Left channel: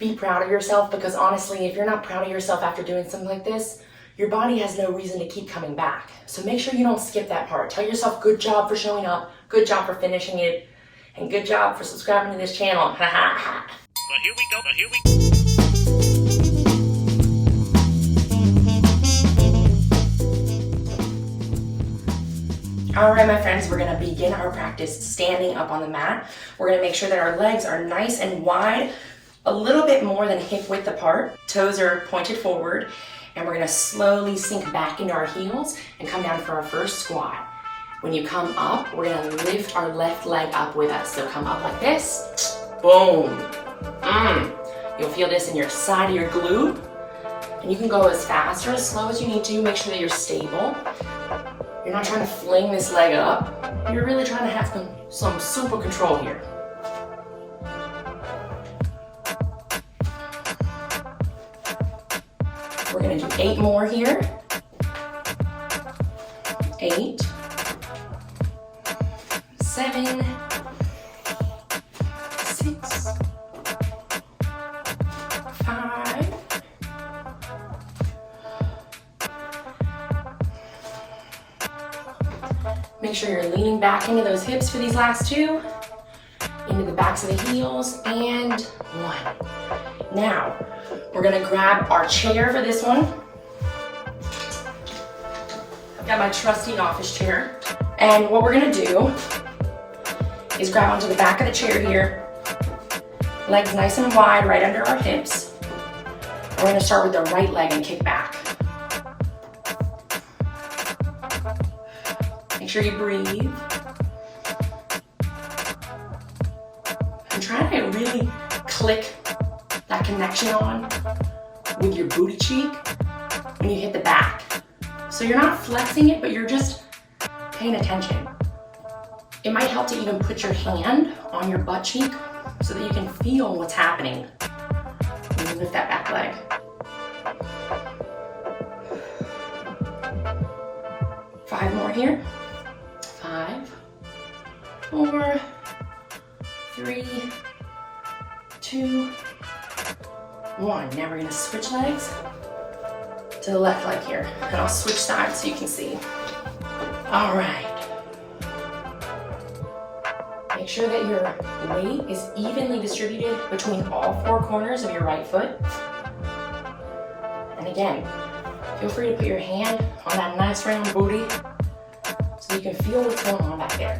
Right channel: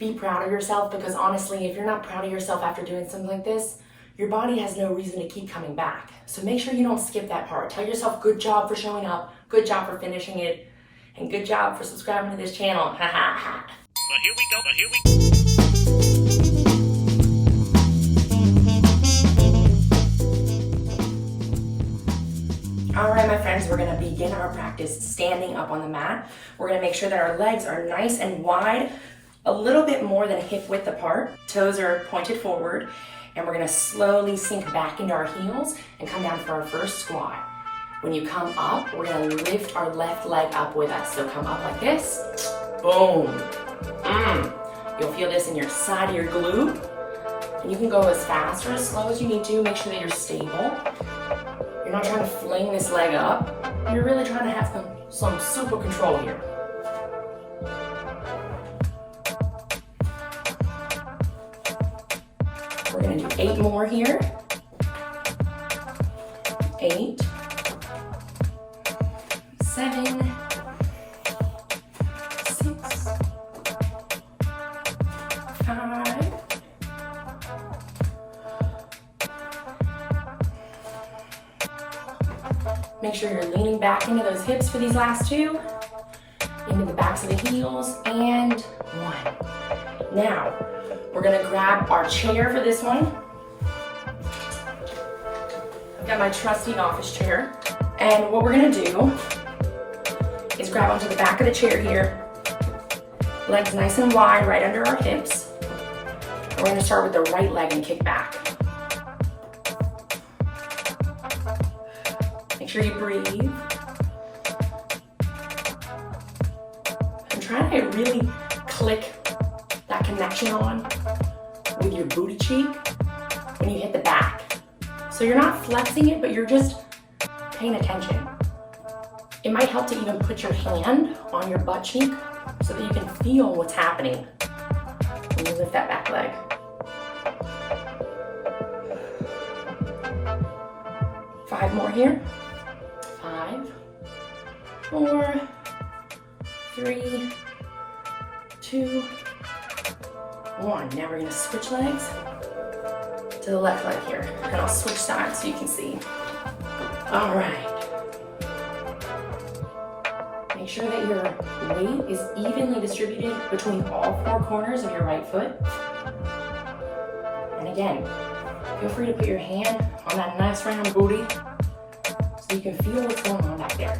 Be proud of yourself, because honestly, if you're not proud of yourself after doing something like this, your body has no reason to keep coming back. So make sure you don't skip that part. Tell yourself, good job for showing up, good job for finishing it, and good job for subscribing to this channel. Ha ha ha. But here we go. All right, my friends, we're gonna begin our practice standing up on the mat. We're gonna make sure that our legs are nice and wide, a little bit more than hip width apart. Toes are pointed forward, and we're gonna slowly sink back into our heels and come down for our first squat. When you come up, we're gonna lift our left leg up with us. So come up like this, boom. You'll feel this in your side of your glute. And you can go as fast or as slow as you need to. Make sure that you're stable. You're not trying to fling this leg up. You're really trying to have some super control here. We're gonna do 8 more here. 8, 7, 6, 5, 'Make sure you're leaning back into those hips for these last 2, into the backs of the heels, and 1. Now, we're gonna grab our chair for this one. I've got my trusty office chair. And what we're gonna do is grab onto the back of the chair here, legs nice and wide right under our hips. We're gonna start with the right leg and kick back. Make sure you breathe. And try to really click that connection on with your booty cheek when you hit the back. So you're not flexing it, but you're just paying attention. It might help to even put your hand on your butt cheek so that you can feel what's happening when you lift that back leg. 5 more here. 5, 4, 3, 2, 1. Now we're gonna switch legs to the left leg here. And I'll switch sides so you can see. All right. Make sure that your weight is evenly distributed between all 4 corners of your right foot. And again, feel free to put your hand on that nice round booty so you can feel what's going on back there.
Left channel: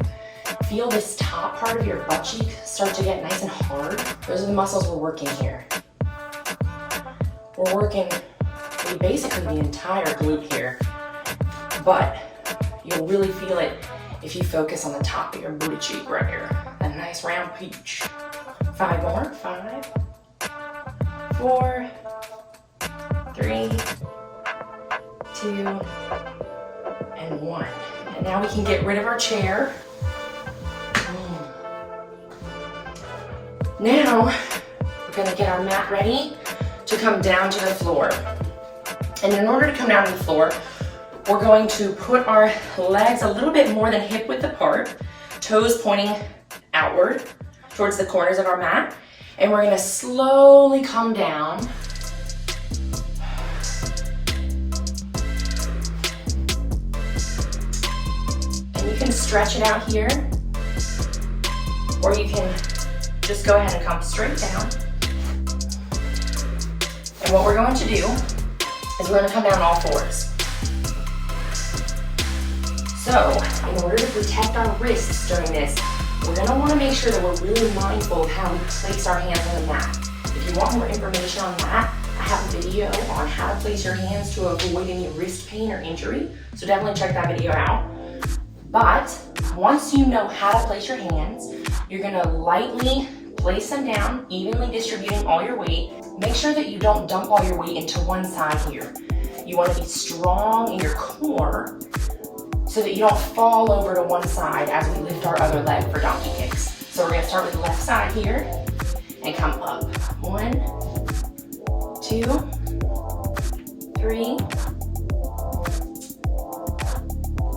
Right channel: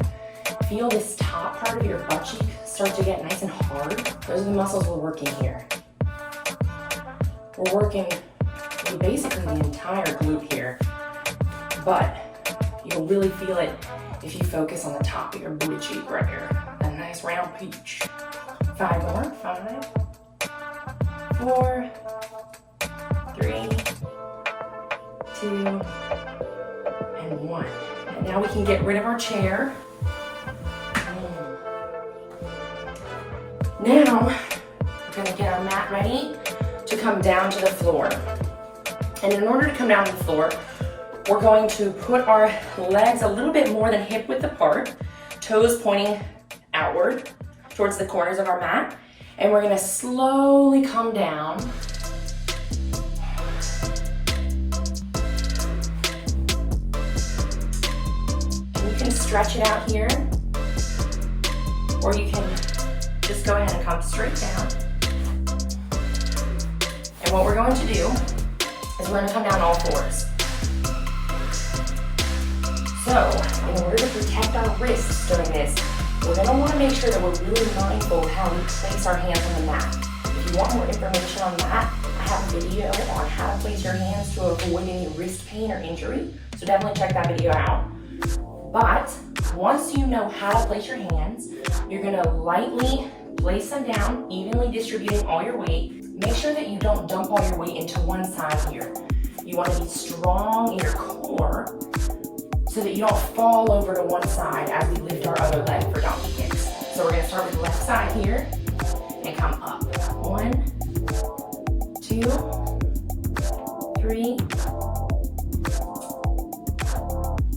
Feel this top part of your butt cheek start to get nice and hard. Those are the muscles we're working here. We're working basically the entire glute here, but you'll really feel it if you focus on the top of your booty cheek right here. A nice round peach. 5 more. 5, 4, 3, 2, and 1. And now we can get rid of our chair. Now, we're gonna get our mat ready to come down to the floor. And in order to come down to the floor, we're going to put our legs a little bit more than hip width apart, toes pointing outward towards the corners of our mat. And we're gonna slowly come down. And you can stretch it out here, or you can just go ahead and come straight down. And what we're going to do is we're going to come down all 4s. So, in order to protect our wrists during this, we're going to want to make sure that we're really mindful of how we place our hands on the mat. If you want more information on that, I have a video on how to place your hands to avoid any wrist pain or injury, so definitely check that video out. But once you know how to place your hands, you're going to lightly place them down, evenly distributing all your weight. Make sure that you don't dump all your weight into one side here. You want to be strong in your core so that you don't fall over to one side as we lift our other leg for donkey kicks. So we're going to start with the left side here and come up. 1, 2, 3.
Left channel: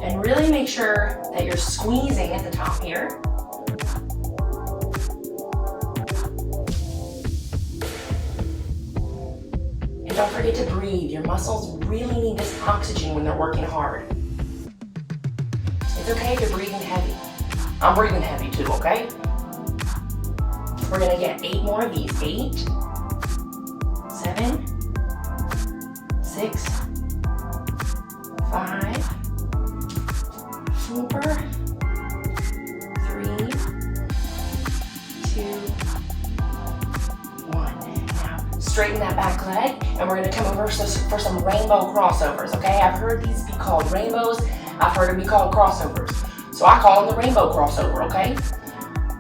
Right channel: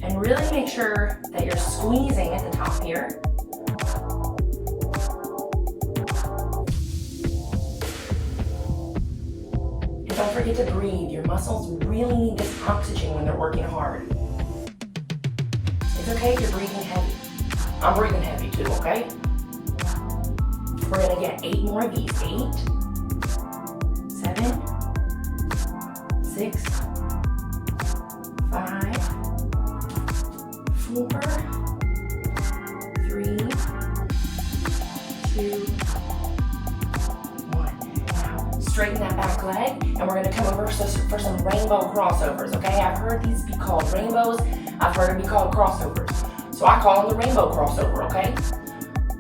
And really make sure that you're squeezing at the top here. And don't forget to breathe. Your muscles really need this oxygen when they're working hard. It's okay if you're breathing heavy. I'm breathing heavy too, okay? We're gonna get 8 more of these. 8, 7, 6, 5, 4, 3, 2, 1. Now, straighten that back leg, and we're gonna come over for some rainbow crossovers, okay? I've heard these be called rainbows. I've heard them be called crossovers. So I call them the rainbow crossover, okay?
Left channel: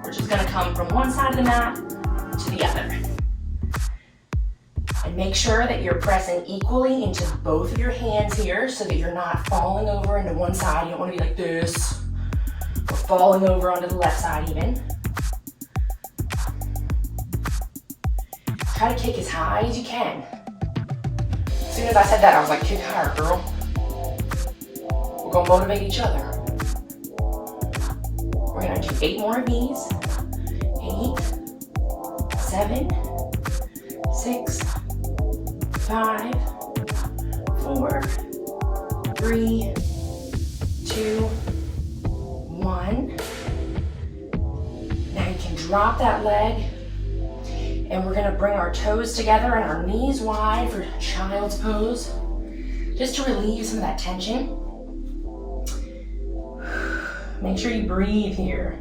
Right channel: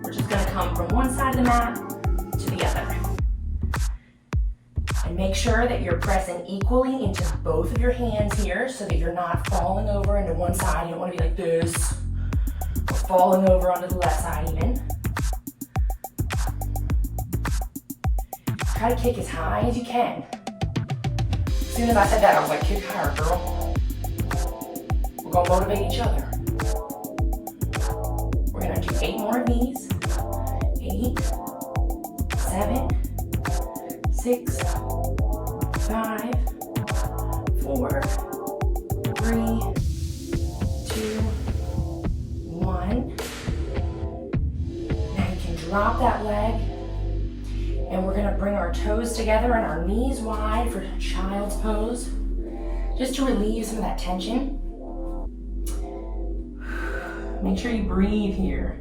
We're just gonna come from one side of the mat to the other. And make sure that you're pressing equally into both of your hands here so that you're not falling over into one side. You don't wanna be like this, or falling over onto the left side even. Try to kick as high as you can. As soon as I said that, I was like, kick higher, girl. We're gonna motivate each other. We're gonna do 8 more of these. 8, 7, 6, 5, 4, 3, 2, 1. Now you can drop that leg, and we're gonna bring our toes together and our knees wide for child's pose, just to relieve some of that tension. Make sure you breathe here.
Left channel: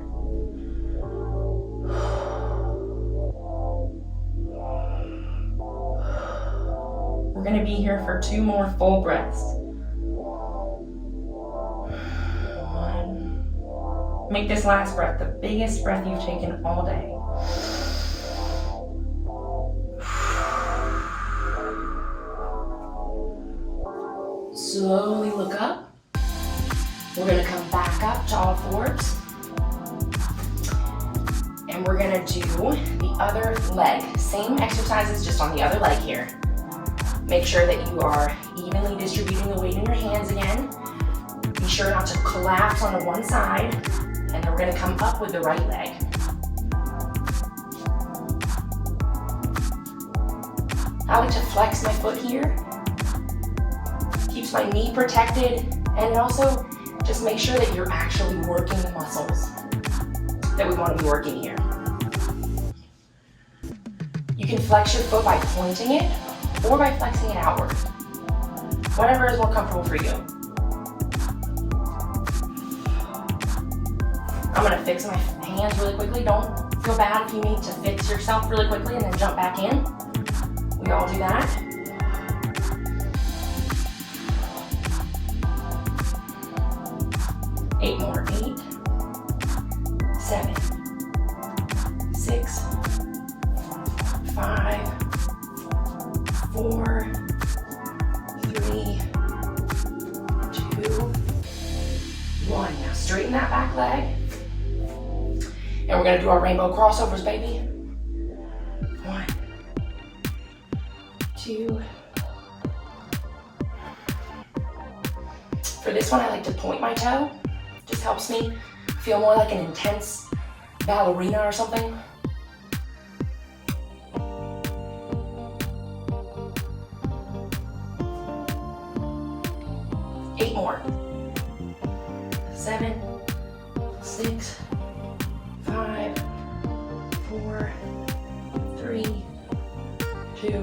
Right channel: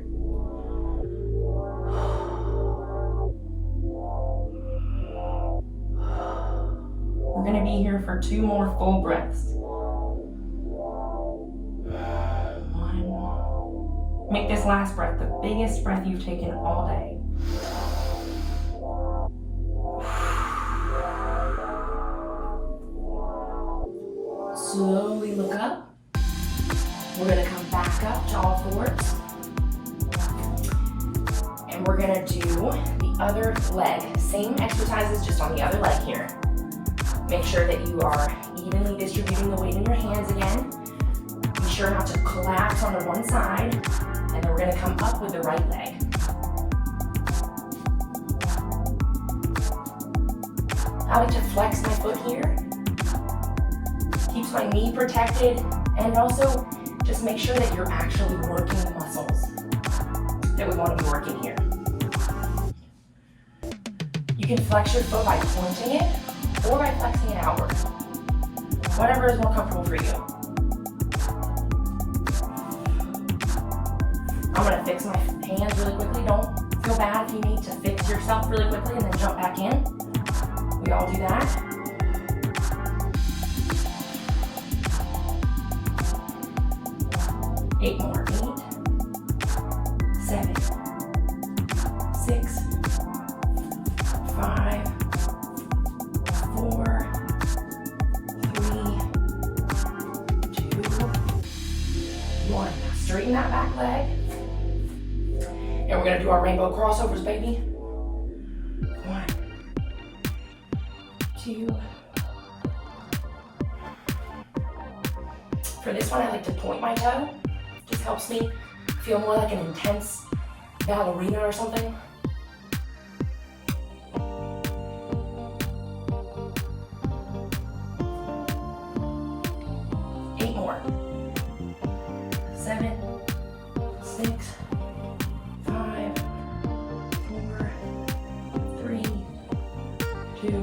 We're gonna be here for 2 more full breaths. 1. Make this last breath the biggest breath you've taken all day. Slowly look up. We're gonna come back up to all fours. And we're gonna do the other leg. Same exercises, just on the other leg here. Make sure that you are evenly distributing the weight in your hands again. Be sure not to collapse onto one side. And then we're gonna come up with the right leg. I like to flex my foot here. Keeps my knee protected, and also just make sure that you're actually working the muscles that we want to be working here. You can flex your foot by pointing it or by flexing it outward. Whatever is more comfortable for you. I'm gonna fix my hands really quickly. Don't feel bad if you need to fix yourself really quickly and then jump back in. We all do that. 8 more. 8, 7, 6, 5, 4, 3, 2, 1. Now straighten that back leg. And we're gonna do our rainbow crossovers, baby. 1, 2. For this one, I like to point my toe. Just helps me feel more like an intense ballerina or something. 8 more. 7, 6, 5, 4, 3, 2,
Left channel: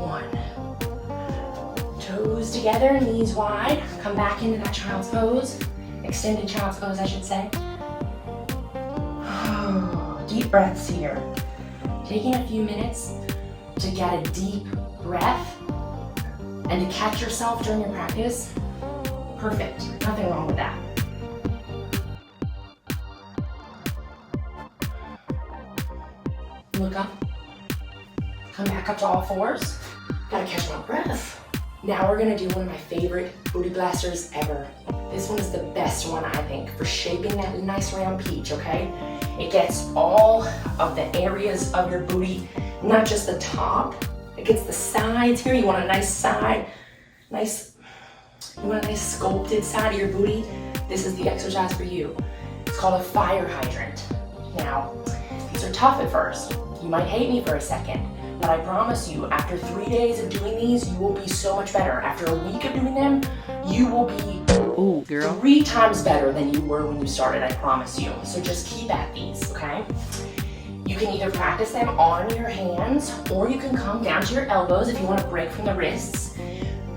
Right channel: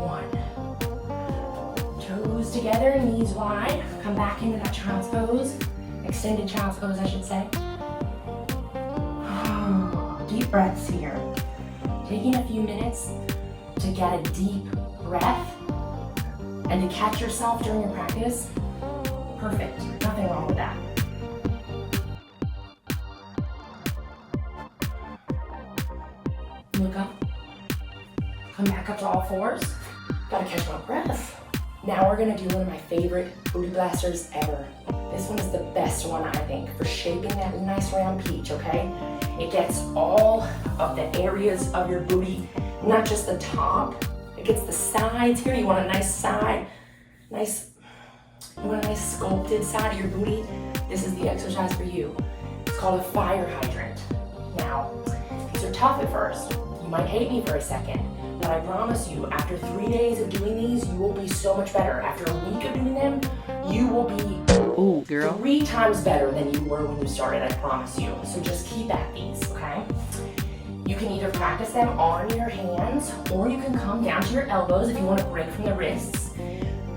1. Toes together, knees wide. Come back into that child's pose. Extended child's pose, I should say. Deep breaths here. Taking a few minutes to get a deep breath and to catch yourself during your practice. Perfect. Nothing wrong with that. Look up. Come back up to all fours. Gotta catch my breath. Now we're gonna do one of my favorite booty blasters ever. This one is the best one, I think, for shaping that nice round peach, okay? It gets all of the areas of your booty, not just the top. It gets the sides here. You want a nice side, you want a nice sculpted side of your booty. This is the exercise for you. It's called a fire hydrant. Now, these are tough at first. You might hate me for a second, but I promise you, after 3 days of doing these, you will be so much better. After a week of doing them, you will be 3 times better than you were when you started, I promise you. So just keep at these, okay? You can either practice them on your hands, or you can come down to your elbows if you want to break from the wrists.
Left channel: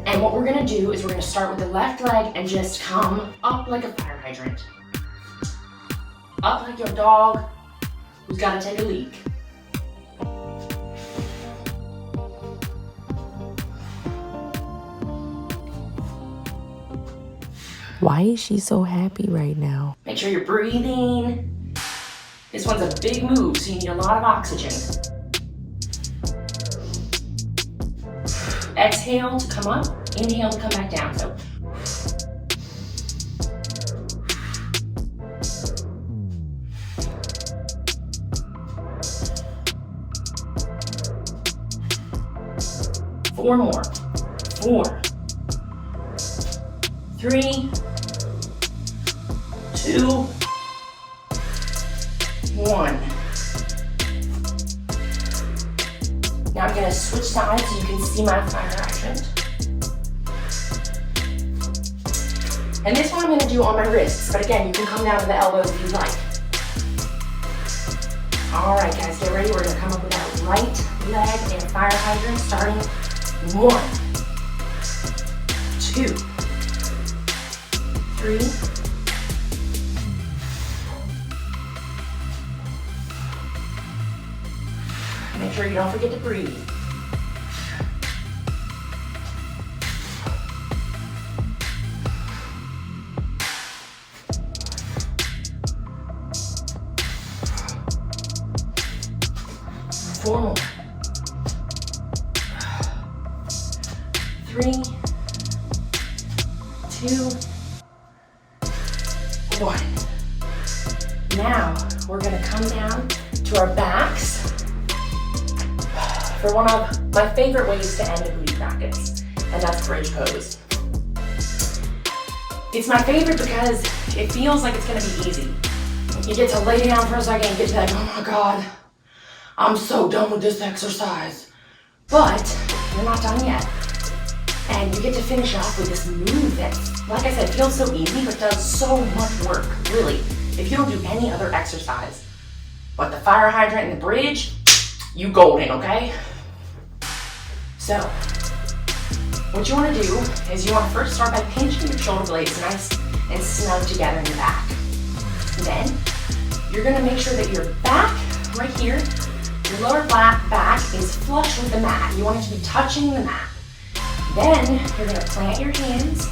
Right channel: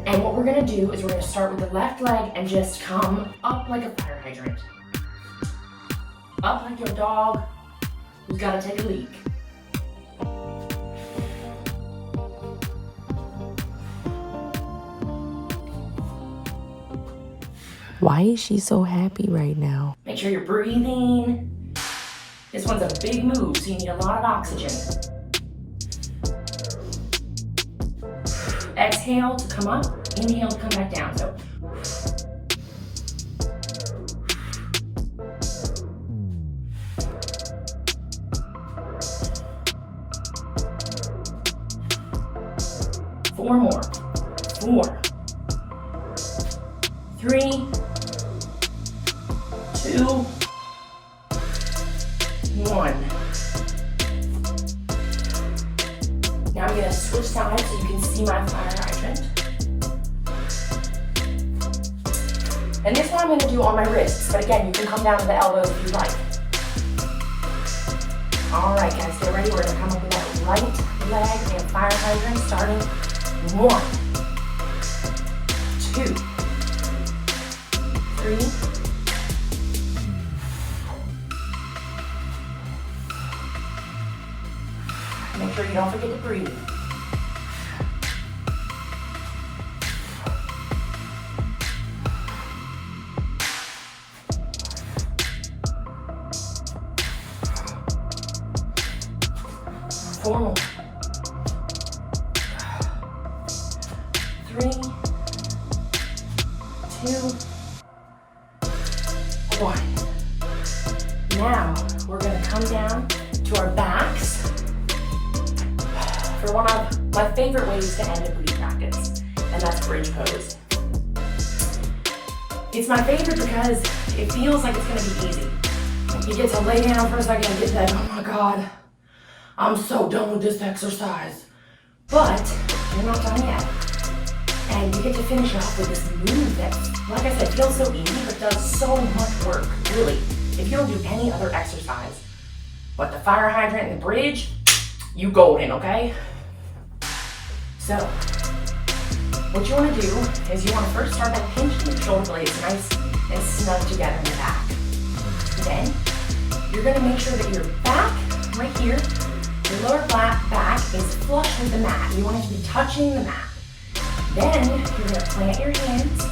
And what we're gonna do is we're gonna start with the left leg and just come up like a fire hydrant. Up like your dog who's gotta take a leak. Why is she so happy right now? Make sure you're breathing. This one's a big move, so you need a lot of oxygen. Exhale to come up, inhale to come back down. So four more. 4, 3, 2, 1. Now I'm gonna switch sides so you can see my fire hydrant. And this one I'm gonna do on my wrists, but again, you can come down to the elbows if you like. All right, guys, get ready. We're gonna come up with that right leg and fire hydrant starting 1, 2, 3, 4. Make sure you don't forget to breathe. 4 more. 3, 2, 1. Now we're gonna come down to our backs for one of my favorite ways to end a booty practice, and that's bridge pose. It's my favorite because it feels like it's gonna be easy. You get to lay down for a second and get to that, oh my God, I'm so done with this exercise. But you're not done yet. And you get to finish off with this move that, like I said, feels so easy, but does so much work, really. If you don't do any other exercise, but the fire hydrant and the bridge, you golden, okay? So, what you wanna do is you wanna first start by pinching your shoulder blades nice and snug together in the back. Then, you're gonna make sure that your back, right here, your lower back is flush with the mat. You want it to be touching the mat. Then, you're gonna plant your hands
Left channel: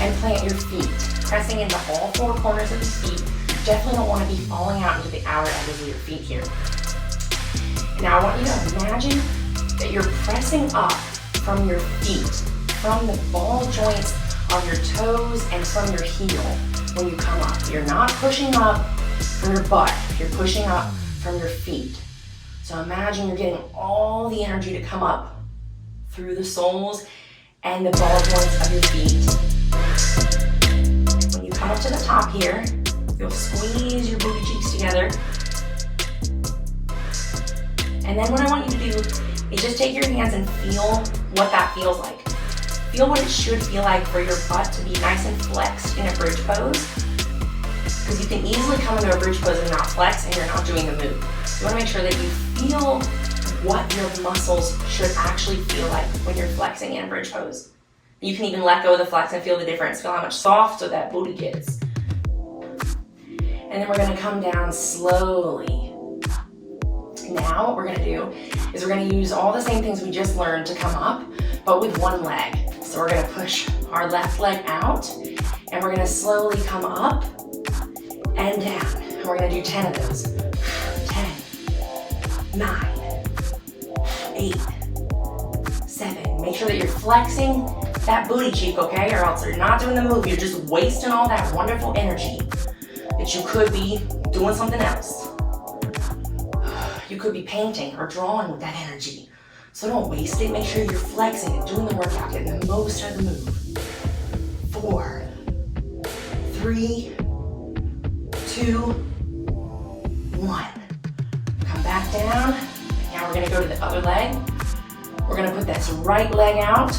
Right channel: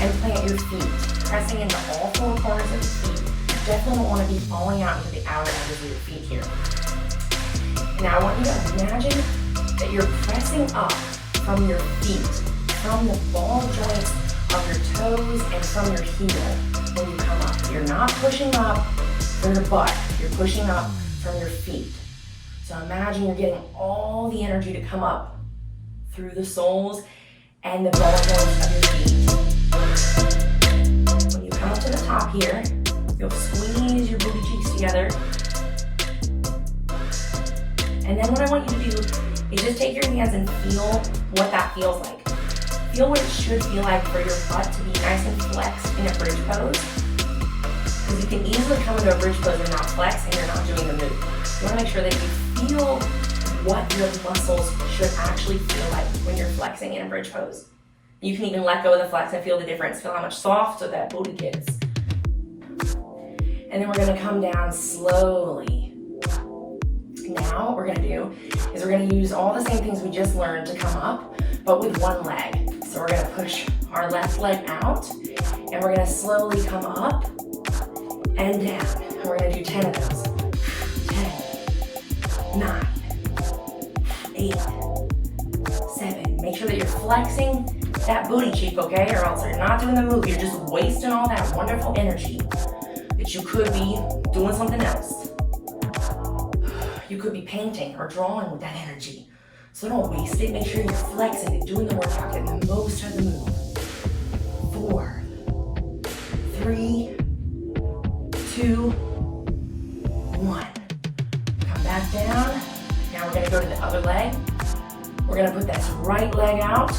and plant your feet, pressing into all 4 corners of the feet. You definitely don't wanna be falling out into the outer edges of your feet here. And now I want you to imagine that you're pressing up from your feet, from the ball joints of your toes and from your heel when you come up. You're not pushing up from your butt, you're pushing up from your feet. So imagine you're getting all the energy to come up through the soles and the ball joints of your feet. When you come up to the top here, you'll squeeze your booty cheeks together. And then what I want you to do is just take your hands and feel what that feels like. Feel what it should feel like for your butt to be nice and flexed in a bridge pose. Because you can easily come into a bridge pose and not flex and you're not doing the move. You want to make sure that you feel what your muscles should actually feel like when you're flexing in a bridge pose. You can even let go of the flex and feel the difference. Feel how much softer that booty gets. And then we're going to come down slowly. Now what we're going to do is we're going to use all the same things we just learned to come up, but with one leg. So we're going to push our left leg out, and we're going to slowly come up and down. And we're going to do 10 of those. 10, 9, 8, 7. Make sure that you're flexing that booty cheek, okay? Or else you're not doing the move. You're just wasting all that wonderful energy that you could be doing something else. You could be painting or drawing with that energy. So don't waste it. Make sure you're flexing and doing the workout, getting the most out of the move. 4, 3, 2, 1. Come back down. Now we're gonna go to the other leg. We're gonna put this right leg out,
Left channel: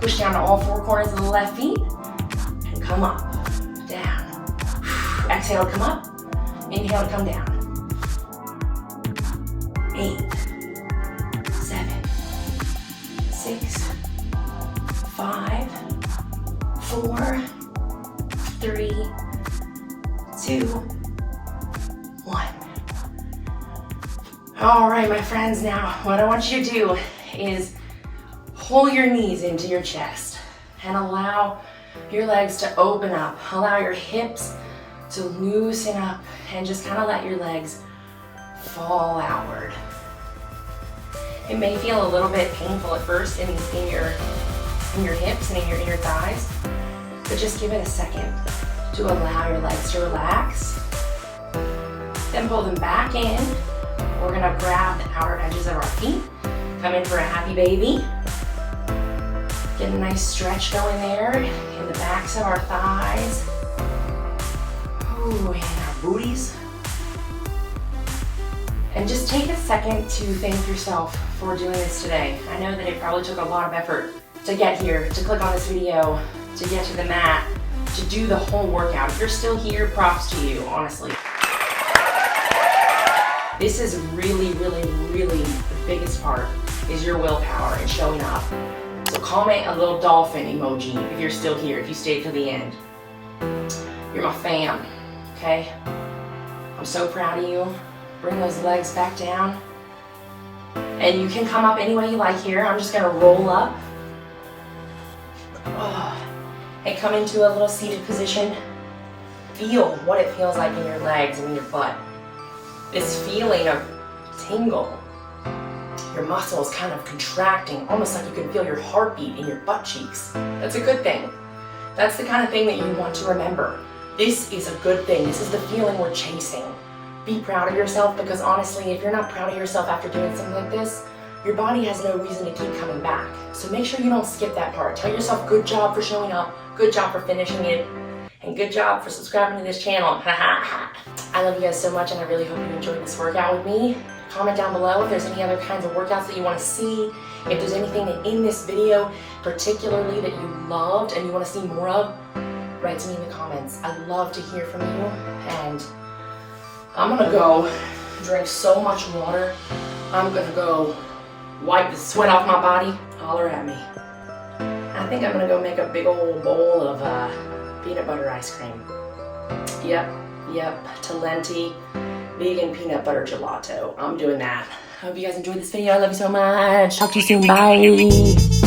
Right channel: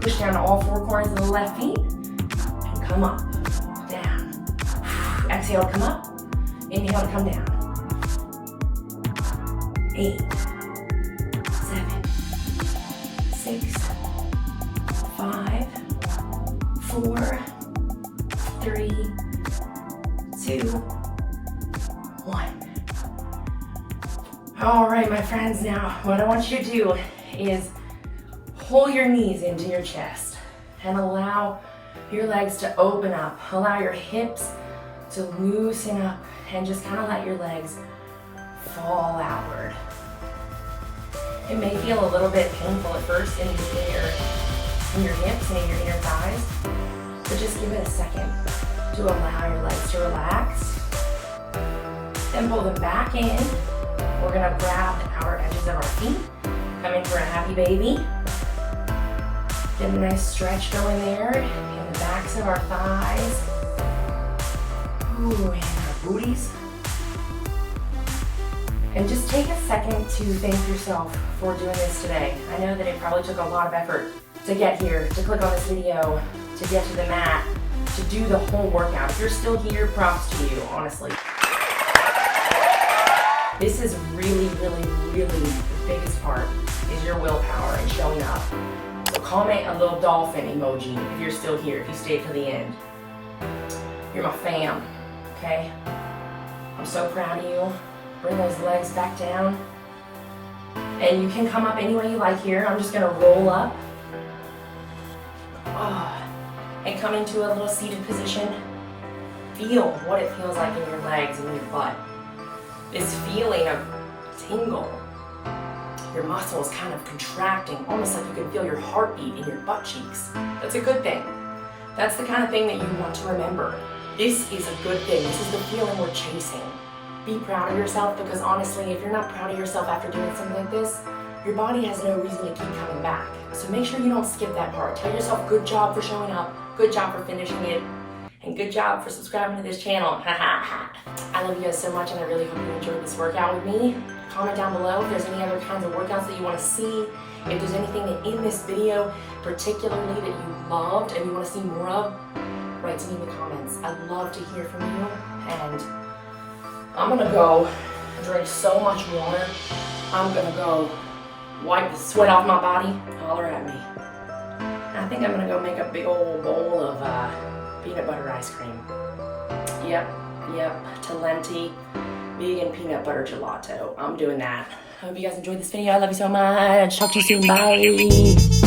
push down to all four corners of the left feet, and come up, down. Exhale to come up, inhale to come down. 8, 7, 6, 5, 4, 3, 2, 1. All right, my friends, now what I want you to do is pull your knees into your chest and allow your legs to open up. Allow your hips to loosen up and just kind of let your legs fall outward. It may feel a little bit painful at first in your hips and in your inner thighs, but just give it a second to allow your legs to relax. Then pull them back in. We're gonna grab the outer edges of our feet, come in for a happy baby. Get a nice stretch going there in the backs of our thighs. Ooh, and our booties. And just take a second to thank yourself for doing this today. I know that it probably took a lot of effort to get here, to click on this video, to get to the mat, to do the whole workout. If you're still here, props to you, honestly. This is really, really, really the biggest part is your willpower and showing up. So comment a little dolphin emoji if you're still here, if you stayed to the end. You're my fam, okay? I'm so proud of you. Bring those legs back down. And you can come up any way you like here. I'm just gonna roll up. And come into a little seated position. Feel what it feels like in your legs and in your butt. This feeling of tingle. Your muscles kind of contracting, almost like you can feel your heartbeat in your butt cheeks. That's a good thing. That's the kind of thing that you want to remember. This is a good thing. This is the feeling we're chasing. Be proud of yourself, because honestly, if you're not proud of yourself after doing something like this, your body has no reason to keep coming back. So make sure you don't skip that part. Tell yourself good job for showing up, good job for finishing it, and good job for subscribing to this channel. I love you guys so much, and I really hope you enjoyed this workout with me. Comment down below if there's any other kinds of workouts that you want to see. If there's anything in this video particularly that you loved and you want to see more of, write to me in the comments. I'd love to hear from you, and I'm gonna go drink so much water. I'm gonna go wipe the sweat off my body. Holler at me. I think I'm gonna go make a big old bowl of peanut butter ice cream. Yep, Talenti vegan peanut butter gelato. I'm doing that. I hope you guys enjoyed this video. I love you so much. Talk to you soon. Bye.